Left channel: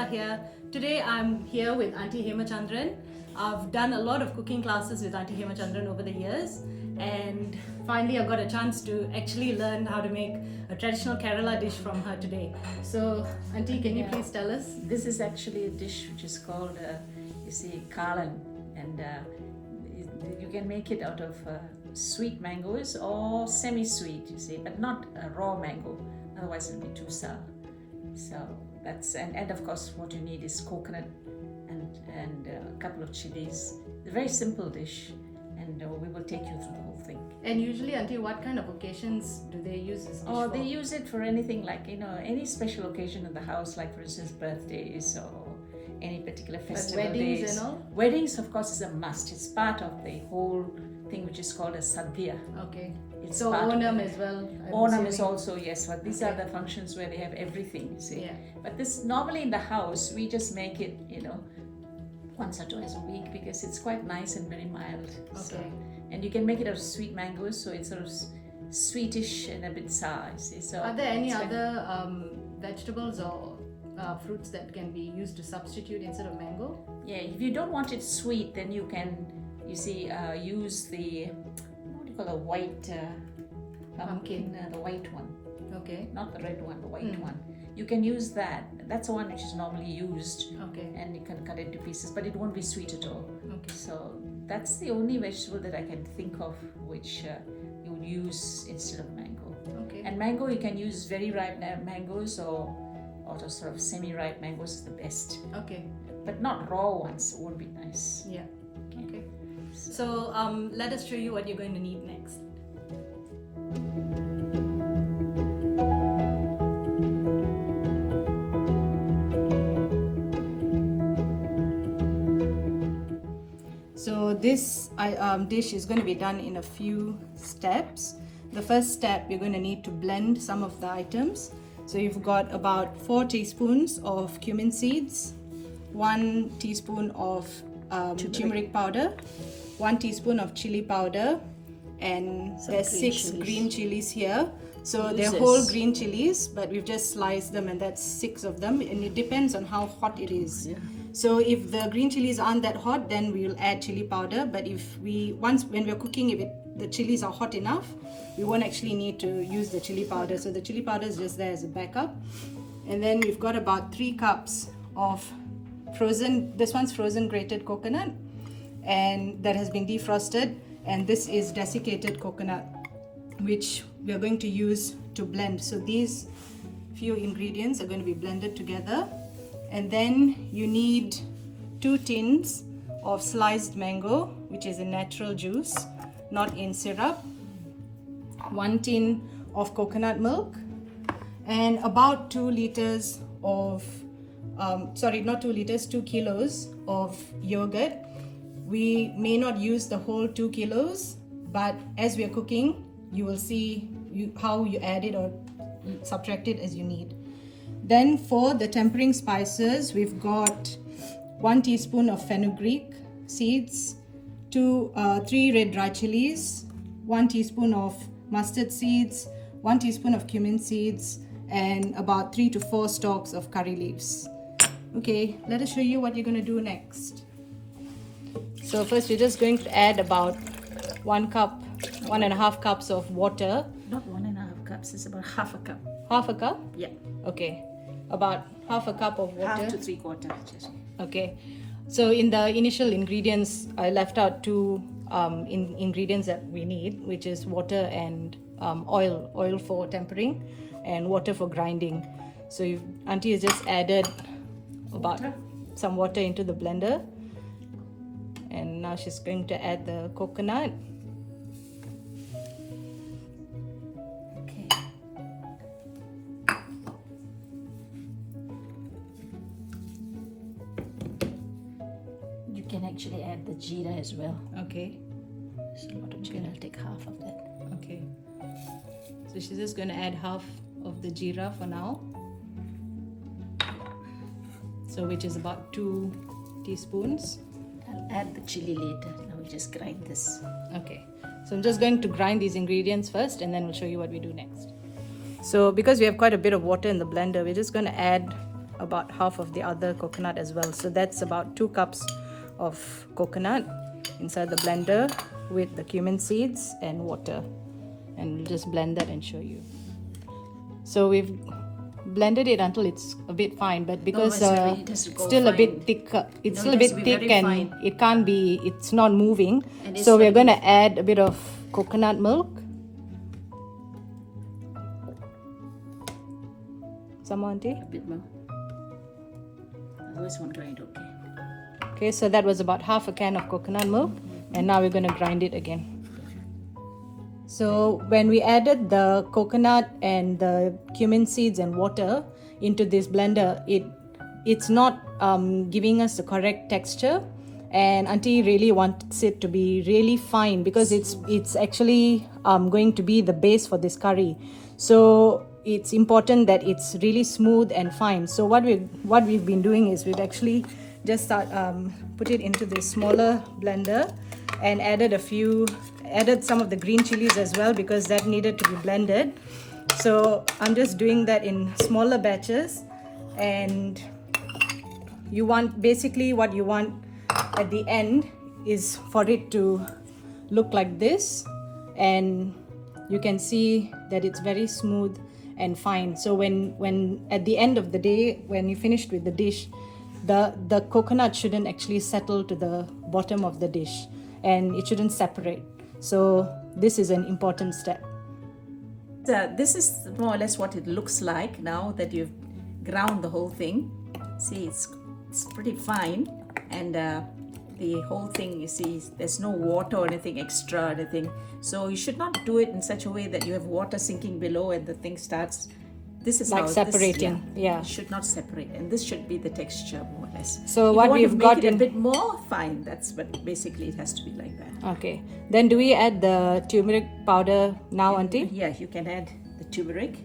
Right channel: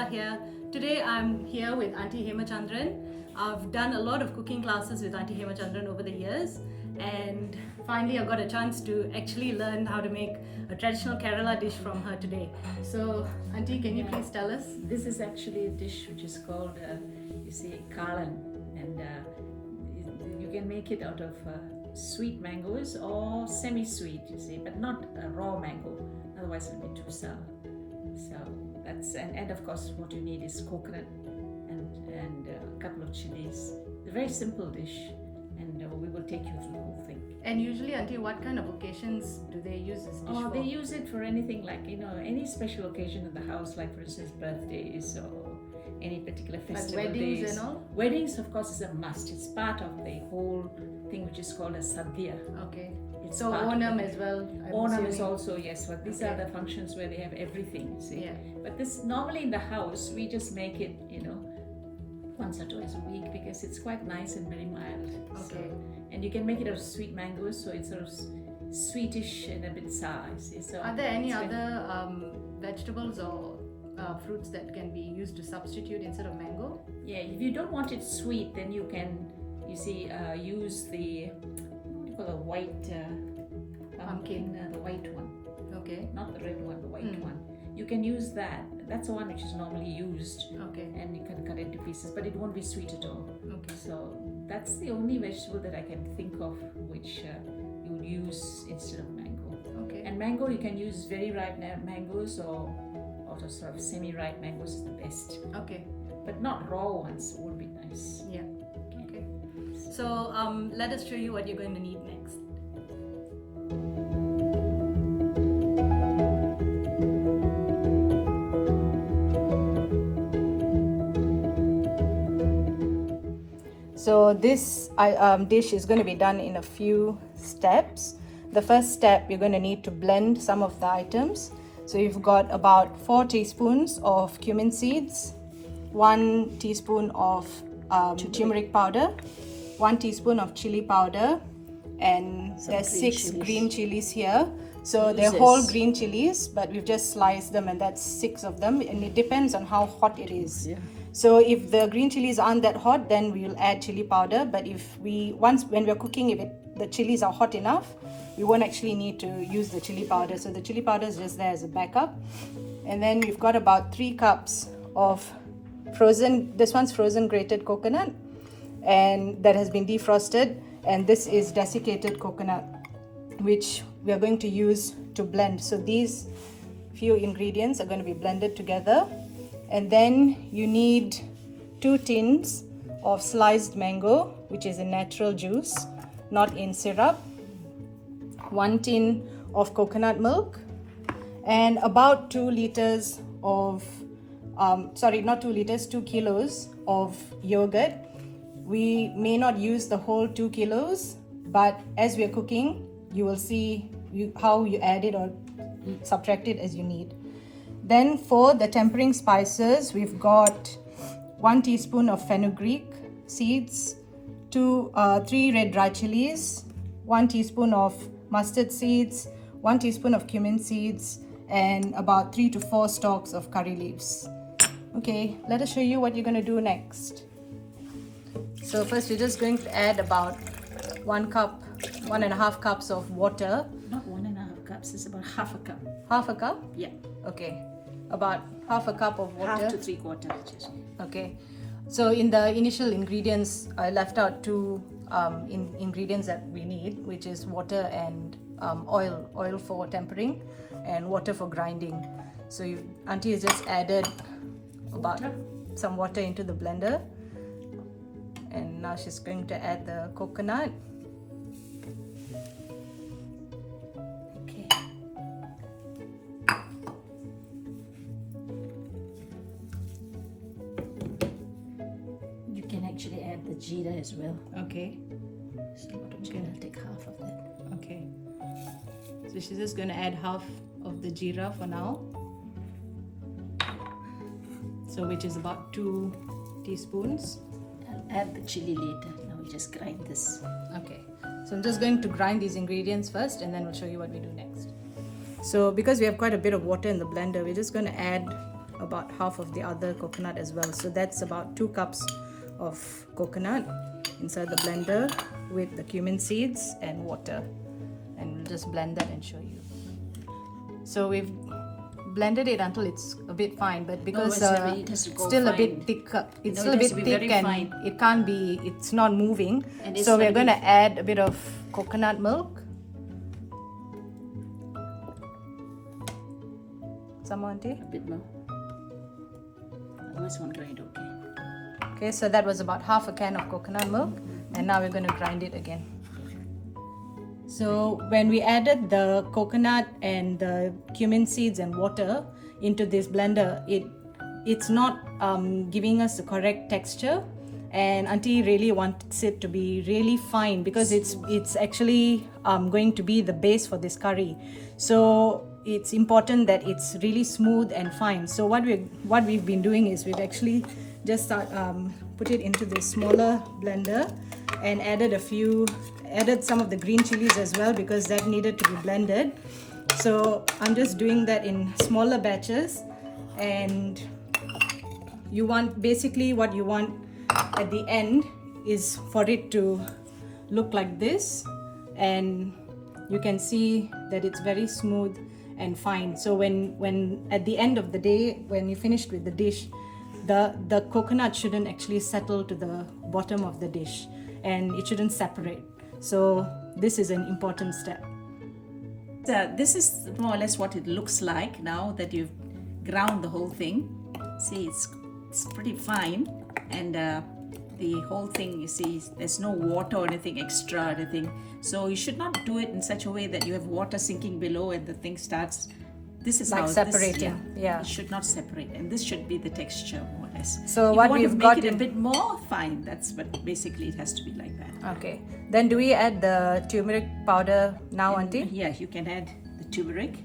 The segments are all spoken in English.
Shweta here. Today I'm here with Auntie Hemachandran. I've done a lot of cooking classes with Auntie Hemachandran over the years, and finally I got a chance to actually learn how to make a traditional Kerala dish from her today. So Auntie, can you please tell us? This is actually a dish which is called, Kaalan, and you can make it out of sweet mangoes or semi-sweet, but not a raw mango, otherwise it'll be too sour. So that's, and of course what you need is coconut and a couple of chilies. It's a very simple dish, and we will take you through the whole thing. And usually, Auntie, what kind of occasions do they use this dish for? They use it for anything, like any special occasion in the house, like for instance birthdays or any particular festival like weddings days. and all? Weddings, of course, is a must. It's part of the whole thing which is called a sadhya. Okay. It's So Onam as well? Onam is also, yes, but these are the functions where they have everything, see. Yeah. But this, normally in the house, we just make it, once or twice a week, because it's quite nice and very mild. Okay. So, and you can make it out of sweet mangoes, so it's sort of sweetish and a bit sour, see. So Are there any other vegetables or fruits that can be used to substitute instead of mango? Yeah, if you don't want it sweet, then you can, use the, what do you call a white pumpkin, the white one. Okay. Not the red one, the white one. You can use that. That's the one which is normally used. Okay. And you can cut it into pieces, but it won't be sweet at all. Okay. So that's the only vegetable that I can think of which you would use instead of mango. Okay. And mango, you can use very ripe mangoes or sort of semi-ripe mangoes is the best. Okay. But not raw ones, won't be nice. Yeah. Okay. So let us show you what you're going to need next. So this dish is going to be done in a few steps. The first step, you're going to need to blend some of the items. So you've got about 4 teaspoons of cumin seeds, 1 teaspoon of turmeric powder, 1 teaspoon of chili powder, and there's 6 green chilies here. So they're whole green chilies, but we've just sliced them, and that's 6 of them, and it depends on how hot it is. Yeah. So if the green chilies aren't that hot, then we'll add chili powder. But when we're cooking, if the chilies are hot enough, we won't actually need to use the chili powder. So the chili powder is just there as a backup. And then we've got about 3 cups of this one's frozen grated coconut, and that has been defrosted. And this is desiccated coconut, which we are going to use to blend. So these few ingredients are going to be blended together. And then you need 2 tins of sliced mango, which is in natural juice, not in syrup, 1 tin of coconut milk, and about 2 liters of, 2 kilos of yogurt. We may not use the whole 2 kilos, but as we are cooking, you will see how you add it or subtract it as you need. Then for the tempering spices, we've got 1 teaspoon of fenugreek seeds, 3 red dry chilies, 1 teaspoon of mustard seeds, 1 teaspoon of cumin seeds, and about 3 to 4 stalks of curry leaves. Okay, let us show you what you're going to do next. So first, you're just going to add about 1.5 cups of water. Not 1.5 cups, it's about half a cup. Half a cup? Yeah. Okay, about half a cup of water. Half to 3/4. Okay, so in the initial ingredients, I left out 2 ingredients that we need, which is water and oil for tempering, and water for grinding. So Auntie has just added about some water into the blender, and now she's going to add the coconut. You can actually add the jeera as well. Okay. So a lot of jeera, I'll take half of that. Okay. So she's just going to add half of the jeera for now. So which is about 2 teaspoons. I'll add the chili later. Now we'll just grind this. Okay. So I'm just going to grind these ingredients first, and then we'll show you what we do next. So because we have quite a bit of water in the blender, we're just going to add about half of the other coconut as well. So that's about 2 cups of coconut inside the blender with the cumin seeds and water. And we'll just blend that and show you. So we've blended it until it's a bit fine, but because it has to go still fine. a bit thick, it's No, still it a has bit to be thick very and fine. it can't be, it's not moving. And it's So we're not going to add a bit of coconut milk. Some more, Auntie? A bit more. Otherwise, won't grind. Okay. Okay, so that was about half a can of coconut milk, and now we're going to grind it again. So when we added the coconut and the cumin seeds and water into this blender, it's not giving us the correct texture, and Auntie really wants it to be really fine because it's actually going to be the base for this curry. So it's important that it's really smooth and fine. So what we've been doing is we've actually just put it into this smaller blender and added some of the green chilies as well because that needed to be blended. So I'm just doing that in smaller batches, and you want, basically what you want at the end is for it to look like this, and you can see that it's very smooth and fine. So when at the end of the day, when you finished with the dish, the coconut shouldn't actually settle to the bottom of the dish and it shouldn't separate. So this is an important step. This is more or less what it looks like now that you've ground the whole thing. See, it's pretty fine, and the whole thing, you see, there's no water or anything extra or anything. So you should not do it in such a way that you have water sinking below and the thing starts. This is Like how separating. Yeah. It should not separate, and this should be the texture more or less. So if what you want to we've make got it a in- bit more fine, that's what basically it has to be like that. Okay. Then do we add the turmeric powder now, Auntie? Yeah, you can add the turmeric.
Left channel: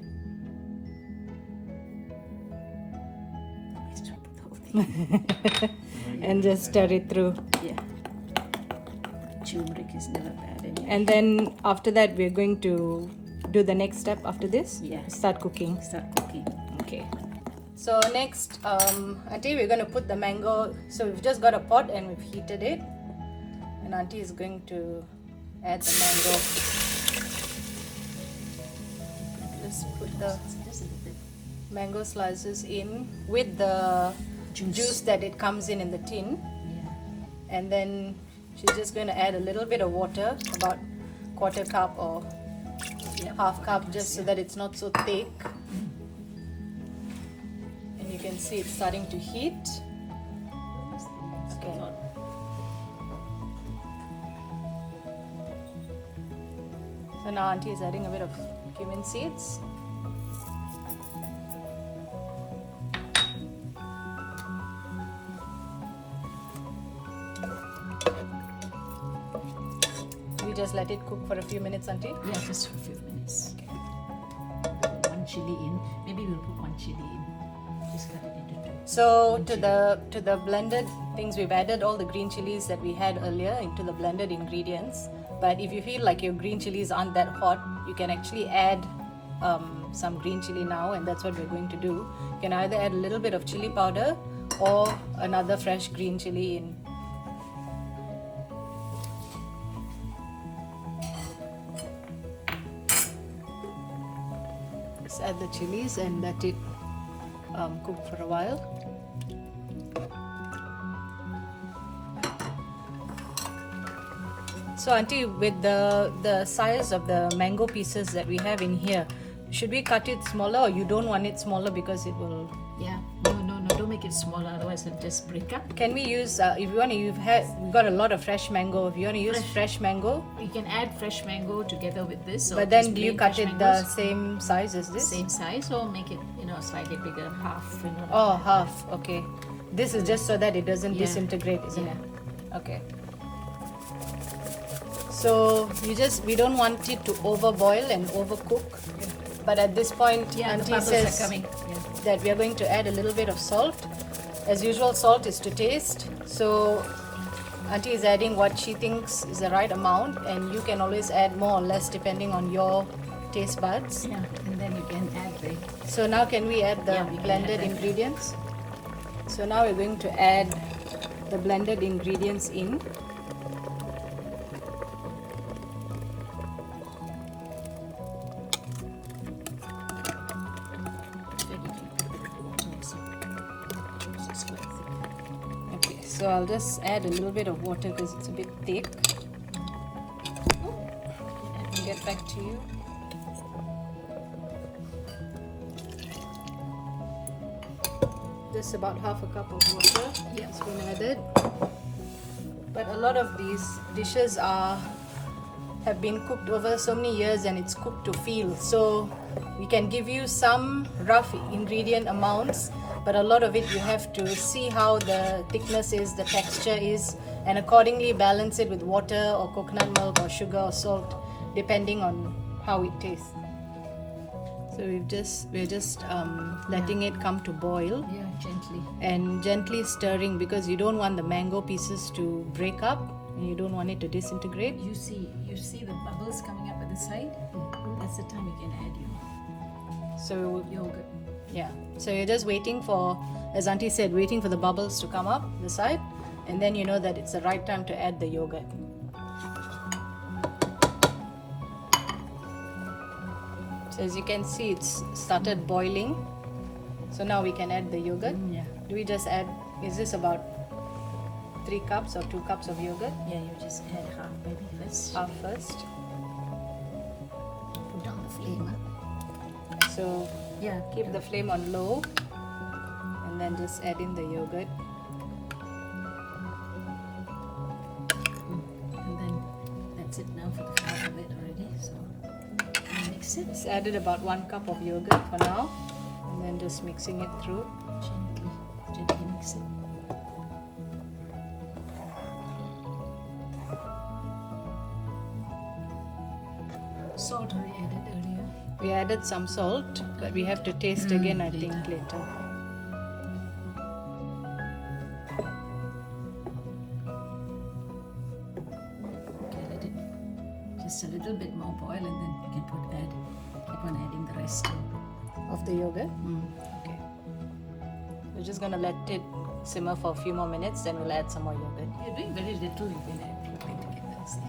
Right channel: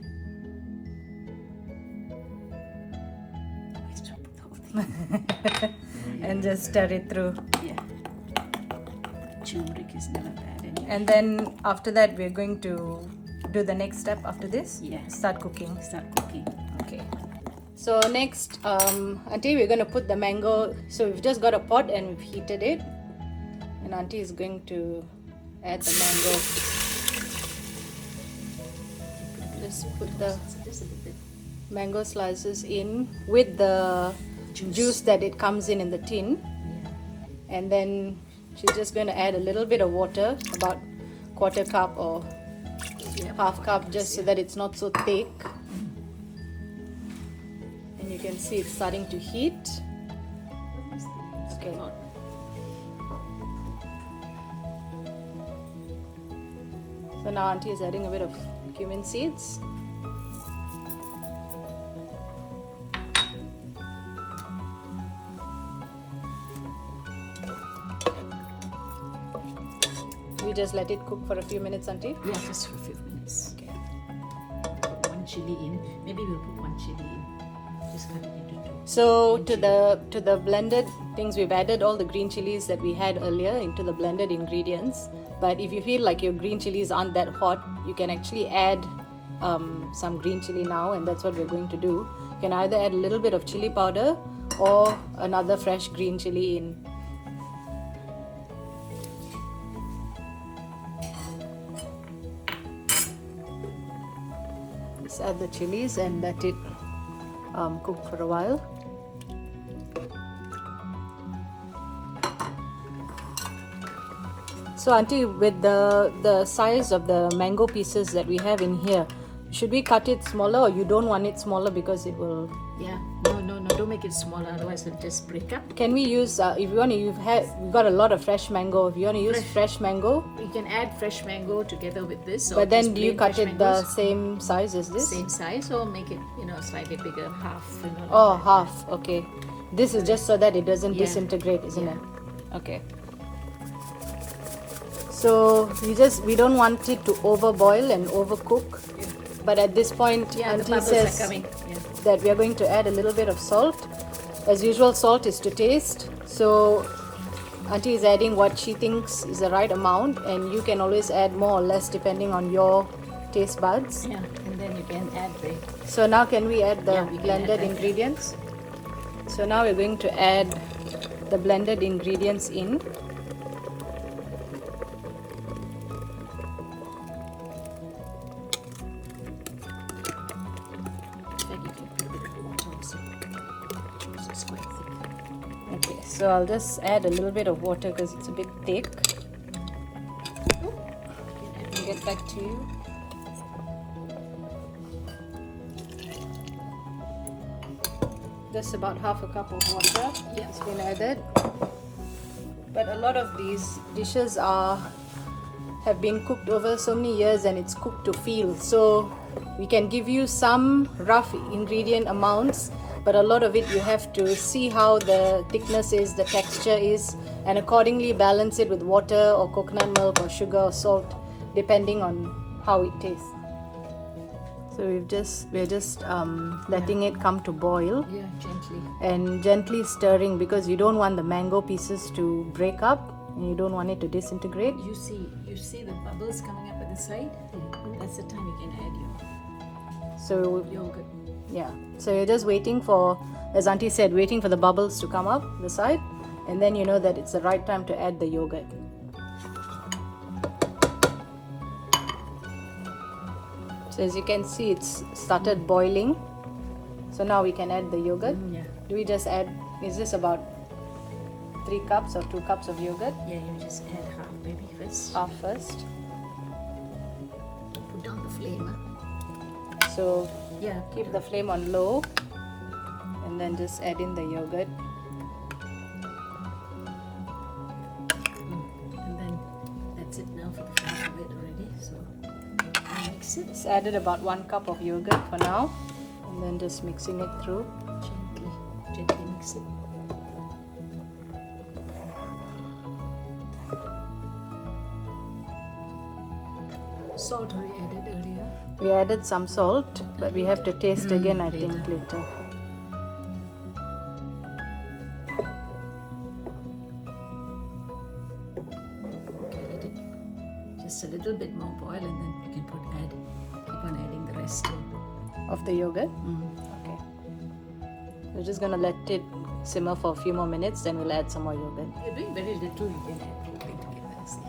Let's not put the whole thing. And just stir it through. Yeah. Turmeric is never bad anyway. And then after that, we're going to do the next step after this. Yeah. Start cooking. Start cooking. Okay. So next, Auntie, we're going to put the mango. So we've just got a pot and we've heated it. And Auntie is going to add the mango. Just put the Just a little bit. mango slices in with the juice that it comes in the tin. Yeah. And then she's just going to add a little bit of water, about 1/4 cup or half cup, just so that it's not so thick. And you can see it's starting to heat. Okay. So now Auntie is adding a bit of cumin seeds. We just let it cook for a few minutes, Auntie. Yeah, just for a few minutes. Okay. One chili in. Maybe we'll put one chili in. Just cut it into two. So to the blended things, we've added all the green chilies that we had earlier into the blended ingredients. But if you feel like your green chilies aren't that hot, you can actually add some green chili now, and that's what we're going to do. You can either add a little bit of chili powder or another fresh green chili in. Just add the chilies and let it cook for a while. So Auntie, with the size of the mango pieces that we have in here, should we cut it smaller, or you don't want it smaller because it will? Yeah. No. Don't make it smaller. Otherwise, it'll just break up. Can we use if you want to? We've got a lot of fresh mango. If you want to use fresh mango, You can add fresh mango together with this. Or but then just do you plain cut fresh it the mangoes. same size as this? Same size, or make it slightly bigger, half. Oh, half. Okay. This is just so that it doesn't Yeah. disintegrate, isn't Yeah. it? Okay. So we don't want it to overboil and overcook. But at this point, Yeah, the Auntie bubbles says are coming. Yeah. that we are going to add a little bit of salt. As usual, salt is to taste. So Auntie is adding what she thinks is the right amount, and you can always add more or less depending on your taste buds. Yeah, and then you can add the. So now can we add the Yeah, we can add blended that. ingredients? So now we're going to add the blended ingredients in. Okay, so I'll just add a little bit of water because it's a bit thick. I'll get back to you. Just about half a cup of water has been added. But a lot of these dishes have been cooked over so many years and it's cooked to feel. So we can give you some rough ingredient amounts, but a lot of it you have to see how the thickness is, the texture is, and accordingly balance it with water or coconut milk or sugar or salt, depending on how it tastes. So we're just letting it come to boil. Yeah, gently. And gently stirring because you don't want the mango pieces to break up and you don't want it to disintegrate. You see the bubbles coming up at the side? That's the time you can add your So yogurt. yeah, so you're just waiting for, as Auntie said, waiting for the bubbles to come up the side, and then you know that it's the right time to add the yogurt. So as you can see, it's started boiling. So now we can add the yogurt. Yeah. Do we just add, is this about 3 cups or 2 cups of yogurt? Yeah, you just add half maybe first. Half first. Put down the flame. So Yeah, keep the flame on low and then just add in the yogurt. and then that's it now for the half of it already. So mix it Just added about 1 cup of yogurt for now and then just mixing it through. gently mix it. Salt already added earlier. We added some salt, but we have to taste again, I think, later. Okay, let it just a little bit more boil, and then you can keep on adding the rest too. Of the yogurt? Okay. We're just gonna let it simmer for a few more minutes, then we'll add some more yogurt. You're doing very little, you can add everything together. See?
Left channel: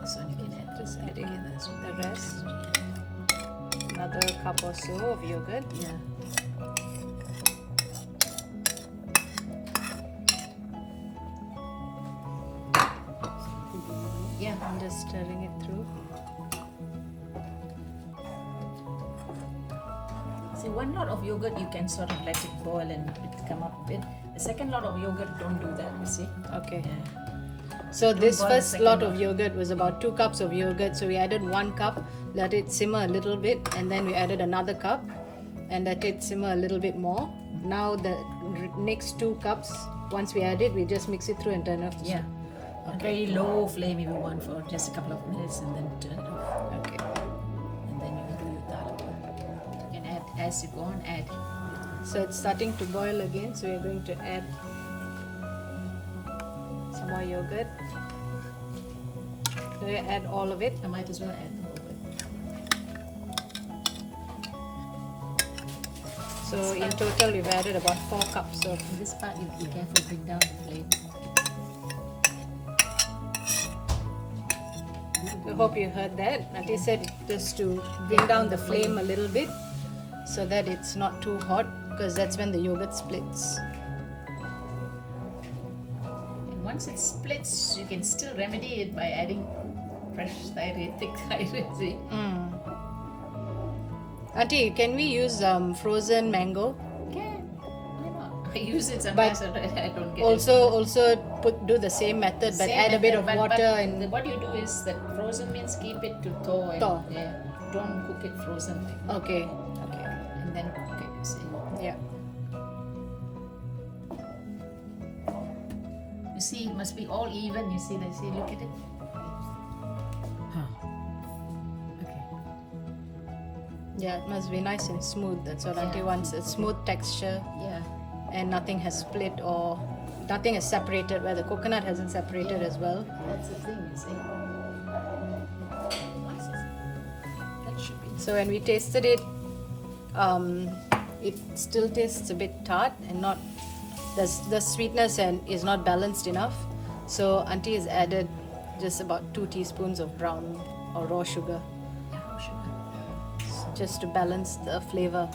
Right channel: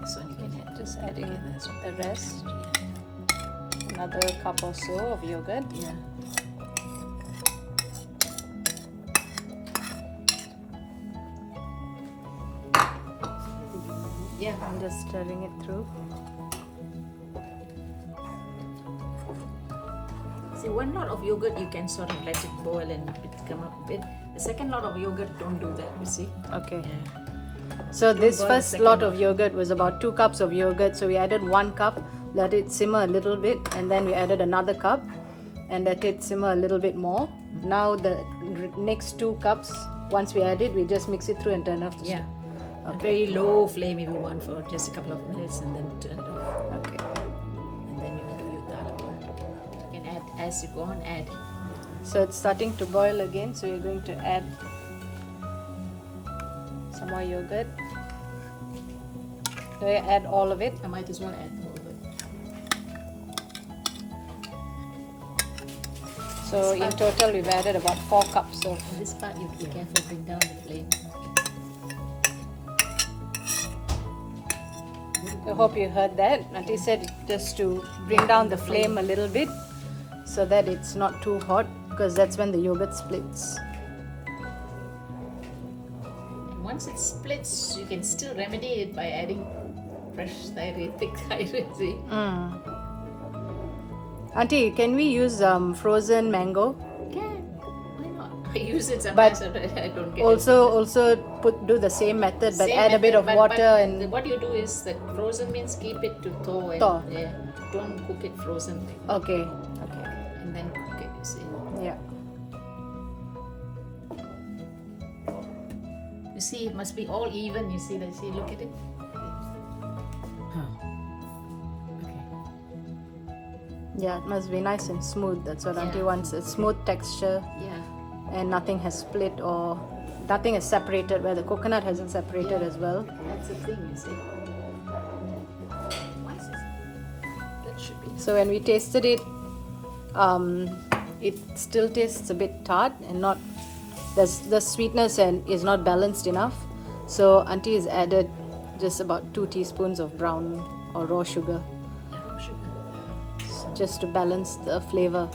This one you can add Just everything adding together. So the rest. Another cup or so of yogurt. yeah. Yeah, I'm just stirring it through. See, one lot of yogurt you can sort of let it boil and it come up a bit. The second lot of yogurt, don't do that, you see? Okay. Yeah. So this boil the first second lot lot. of yogurt was about 2 cups of yogurt. So we added 1 cup, let it simmer a little bit, and then we added another cup and let it simmer a little bit more. Now the next 2 cups, once we add it, we just mix it through and turn off the Yeah. A very low flame if you want for just a couple of minutes and then turn it off. Okay. And then you can do your dal. You can add as you go on, add. So it's starting to boil again, so we're going to add some more yogurt. So we add all of it. I might as well add the whole bit. So in total we've added about 4 cups of. In this part, you be careful, bring down the flame. I hope you heard that. Auntie said just to bring down the flame a little bit so that it's not too hot, because that's when the yogurt splits. And once it splits, you can still remedy it by adding fresh thick thyroid. See? Auntie, can we use frozen mango? Yeah, why not? I use it sometimes, I don't get Also do the same method, but Same add a bit method, of but water and. what you do is that frozen means keep it to thaw. And, Thaw. Yeah, don't cook it frozen. Okay. And then cook it, you see. Yeah. You see, it must be all even. You see, look at it. Okay. Yeah, it must be nice and smooth. That's what Auntie Yeah. wants. A smooth texture Yeah. and nothing has split or nothing is separated, where the coconut hasn't separated as well. That's the thing, you see. That should be. So when we tasted it, it still tastes a bit tart and not the sweetness and is not balanced enough. So auntie has added just about 2 teaspoons of brown or raw sugar just to balance the flavor.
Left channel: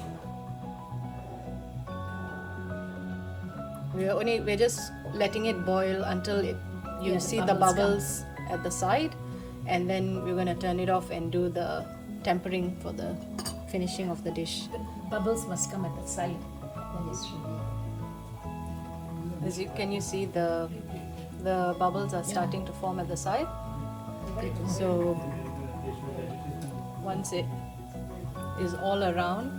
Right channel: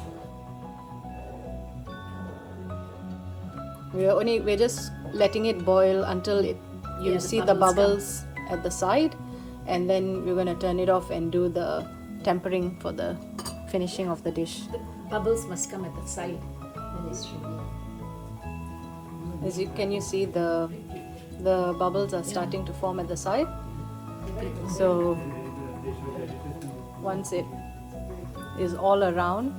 We're just letting it boil until you see the bubbles at the side, and then we're going to turn it off and do the tempering for the finishing of the dish. The bubbles must come at the side. Then it's ready. Can you see the bubbles are starting to form at the side? So once it is all around,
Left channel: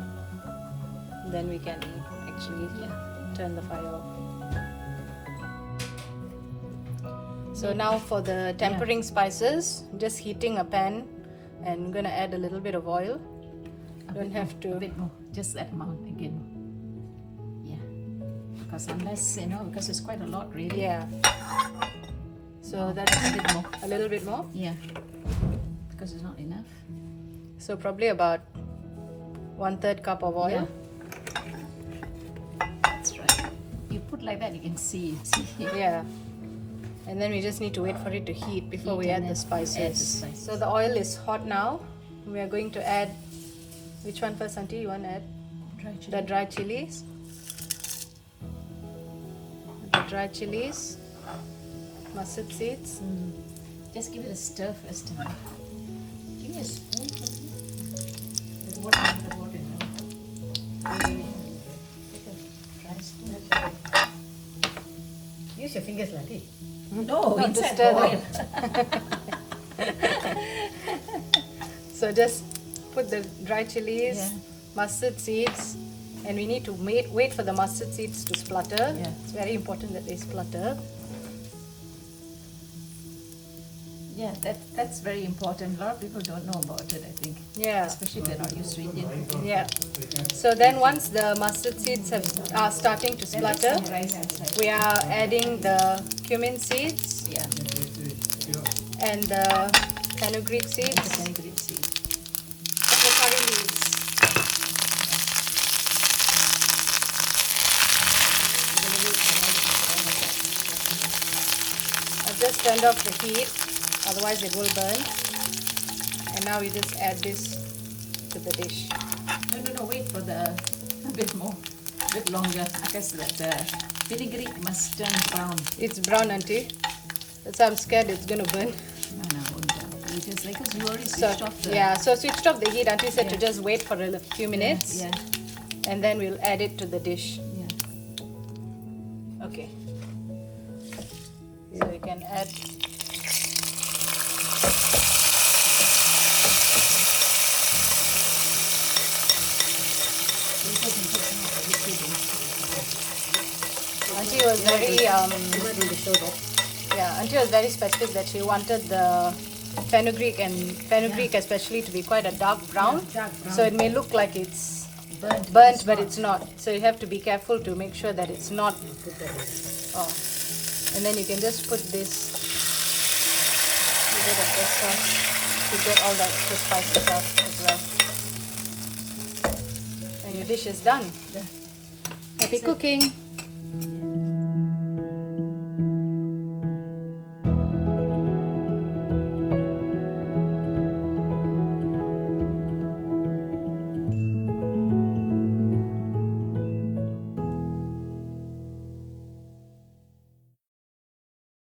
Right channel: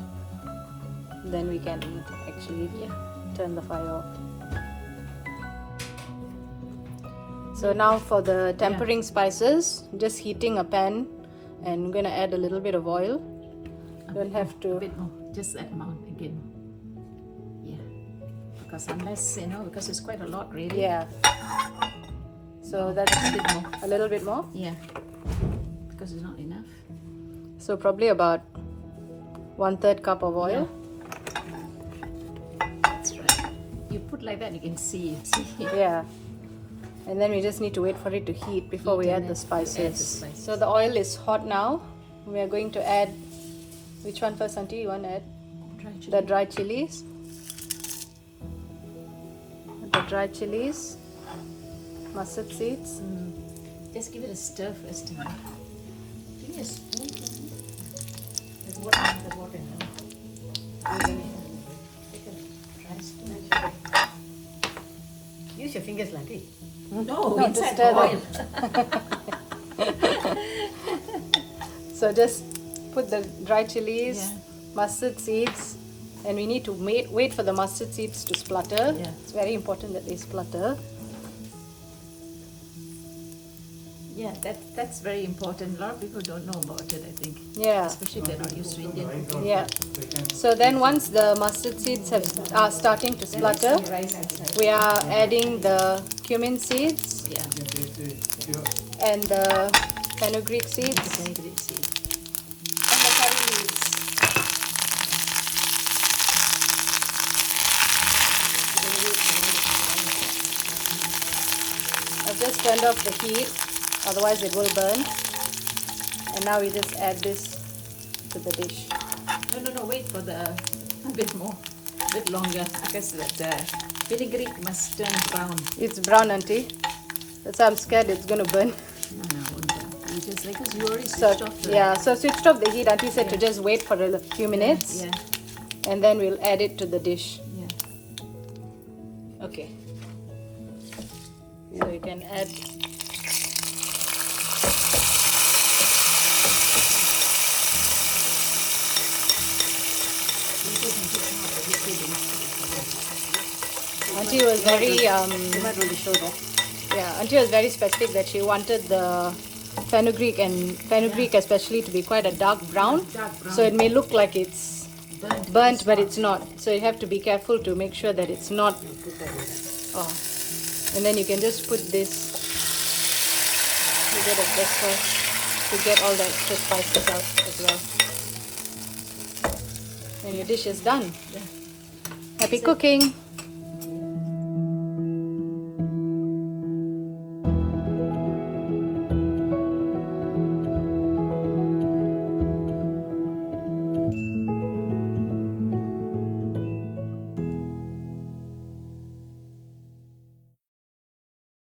then we can actually turn the fire off. So now for the tempering spices, just heating a pan, and I'm gonna add a little bit of oil. Don't have to. A bit more, just that amount again. Yeah, because unless because it's quite a lot really. Yeah. So that's a bit more. A little bit more. Yeah, because it's not enough. So probably about 1/3 cup of oil. Yeah. That's right. You put like that, you can see. Yeah. And then we just need to wait for it to heat before we add the spices. So the oil is hot now. We are going to add, which one first, auntie? You want to add? The dry chilies. The dry chilies. Mustard seeds. Just give it a stir first. Give me a spoon. There's water in the water now. Take a dry spoon. Use your fingers, Lanty. No, inside stir the oil. So just put the dry chilies, Yeah. mustard seeds, and we need to wait for the mustard seeds to splutter. Yeah. It's very important that they splutter. Yeah, that's very important. A lot of people don't know about it, I think. Yeah. Especially if they're not used to Indian cooking. Yeah. So then once the mustard seeds are starting to Then there's splutter, some rice inside. we are adding the cumin seeds Yeah. and the fenugreek seeds. The fenugreek seed. And the curry leaves. I've just turned off the heat, otherwise it will burn. And now we just add this to the dish. No, wait for a bit more, a bit longer, because that fenugreek must turn brown. It's brown, auntie. That's why I'm scared it's going to burn. No, it won't burn. You just because you already So, switched off the... yeah, so switched off the heat. Auntie said to just wait for a few minutes, Yeah, and then we'll add it to the dish. yeah. Okay. So you can add. Auntie was very Auntie was very specific that she wanted the fenugreek especially to be quite a dark brown. Yeah, dark brown. So it may look like it's burnt, but it's not. So you have to be careful to make sure that it's not. Oh. And then you can just put this. You get a extra to get all the extra spices out as well. And your dish is done. Yeah. Happy cooking!